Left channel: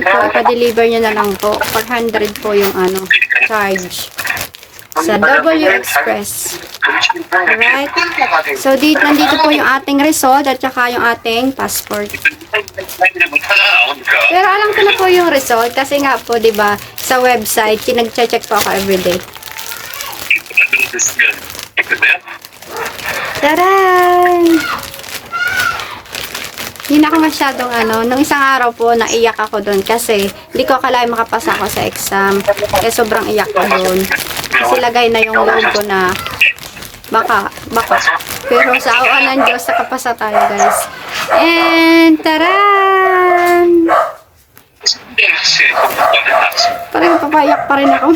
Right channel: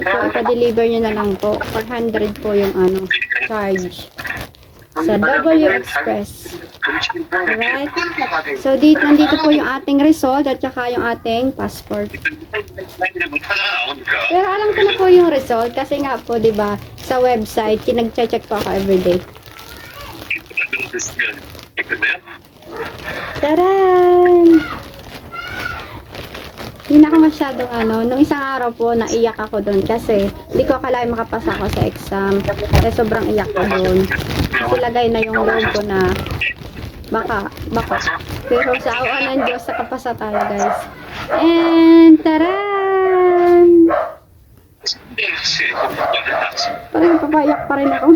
po, ipa-deliver nyo na lang po. 400 po yung ano, charge. Sa W Express. Alright. So, dito, nandito po yung ating result at saka yung ating passport. Pero alam ko na po yung result kasi nga po, di ba, sa website, kinag-check po ako everyday. Taran! Hindi na ako masyadong ano, nung isang araw po, naiyak ako doon kasi hindi ko akalain makapasa ako sa exam. Eh, sobrang iyak ko doon. Kasi na yung loob ko na baka, baka. Pero sa awan ng Diyos, nakapasa tayo guys. And, taran! Parang papayak pa rin ako.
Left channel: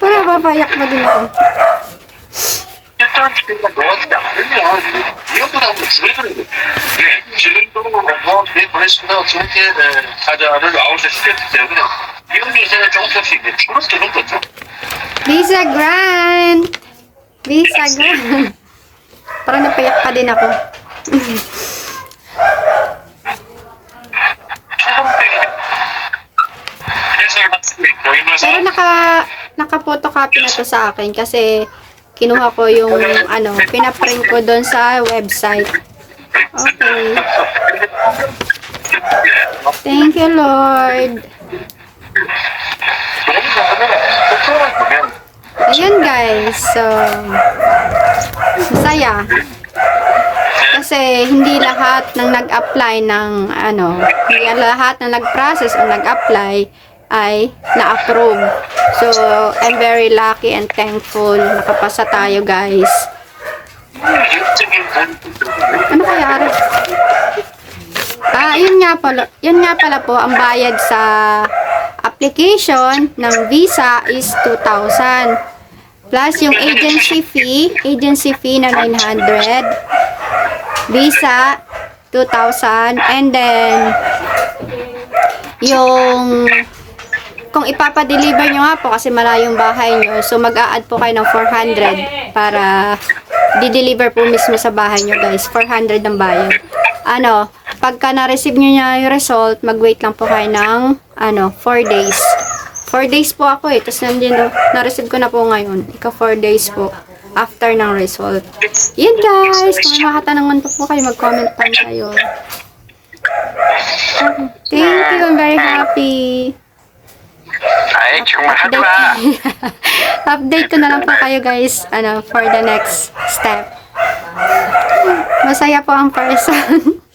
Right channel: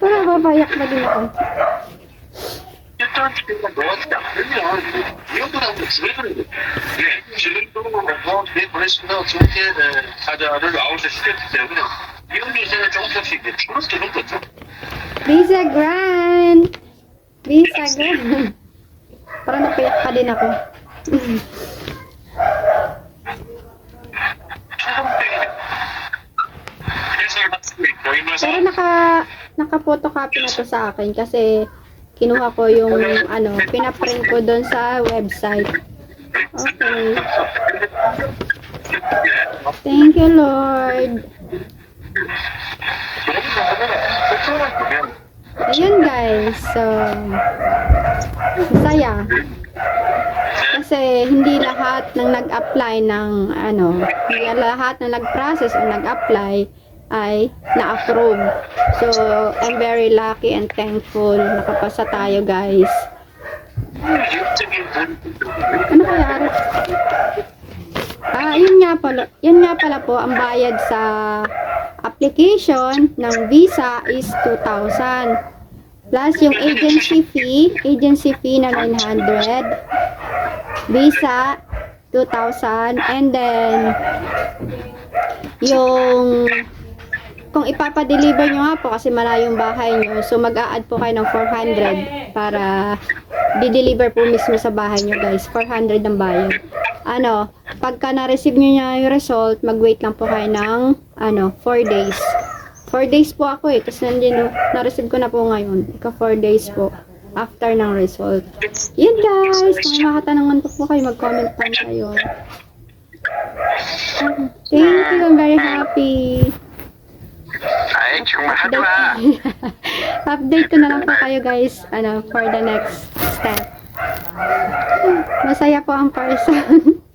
Parang papayak pa din ako. Visa Grant! Visa Grant! Parang napayak pa din ako. Pero naka naka-photocopy na to sa akin kasi kinuha ko yung ano, pinaprint ko doon sa website. Okay. Thank you, Lord. Ayun, guys. So, masaya. Kasi hindi lahat ng nag-apply ng ano, hindi lahat na nag-process o nag-apply ay na-approve. So, I'm very lucky and thankful. Nakapasa tayo, guys. Ano kaya, nga pala, yun nga pala po, ang bayad sa application ng visa is 2,000. Plus yung agency fee, agency fee na 900. Visa, 2,000. And then, yung kung ipapadeliver nyo nga po kasi malayong bahay nyo, so mag-a-add po kayo ng 400 para di-deliver po mismo sa bahay nyo guys. 400 ang bayad. Ano, pagka na-receive nyo niya yung result, mag-wait lang po kayo ng ano, 4 days. 4 days po ako eh. Tapos nandiyan, na-receive ko na po ngayon. Ika 4 days po after ng result. Yan guys, kung may makatanungan pa po kayo, mag-comment lang kayo. Thank you, I'm very happy. Ay, Update, update ko na lang po kayo guys, ano, for the next step. Masaya po ang person.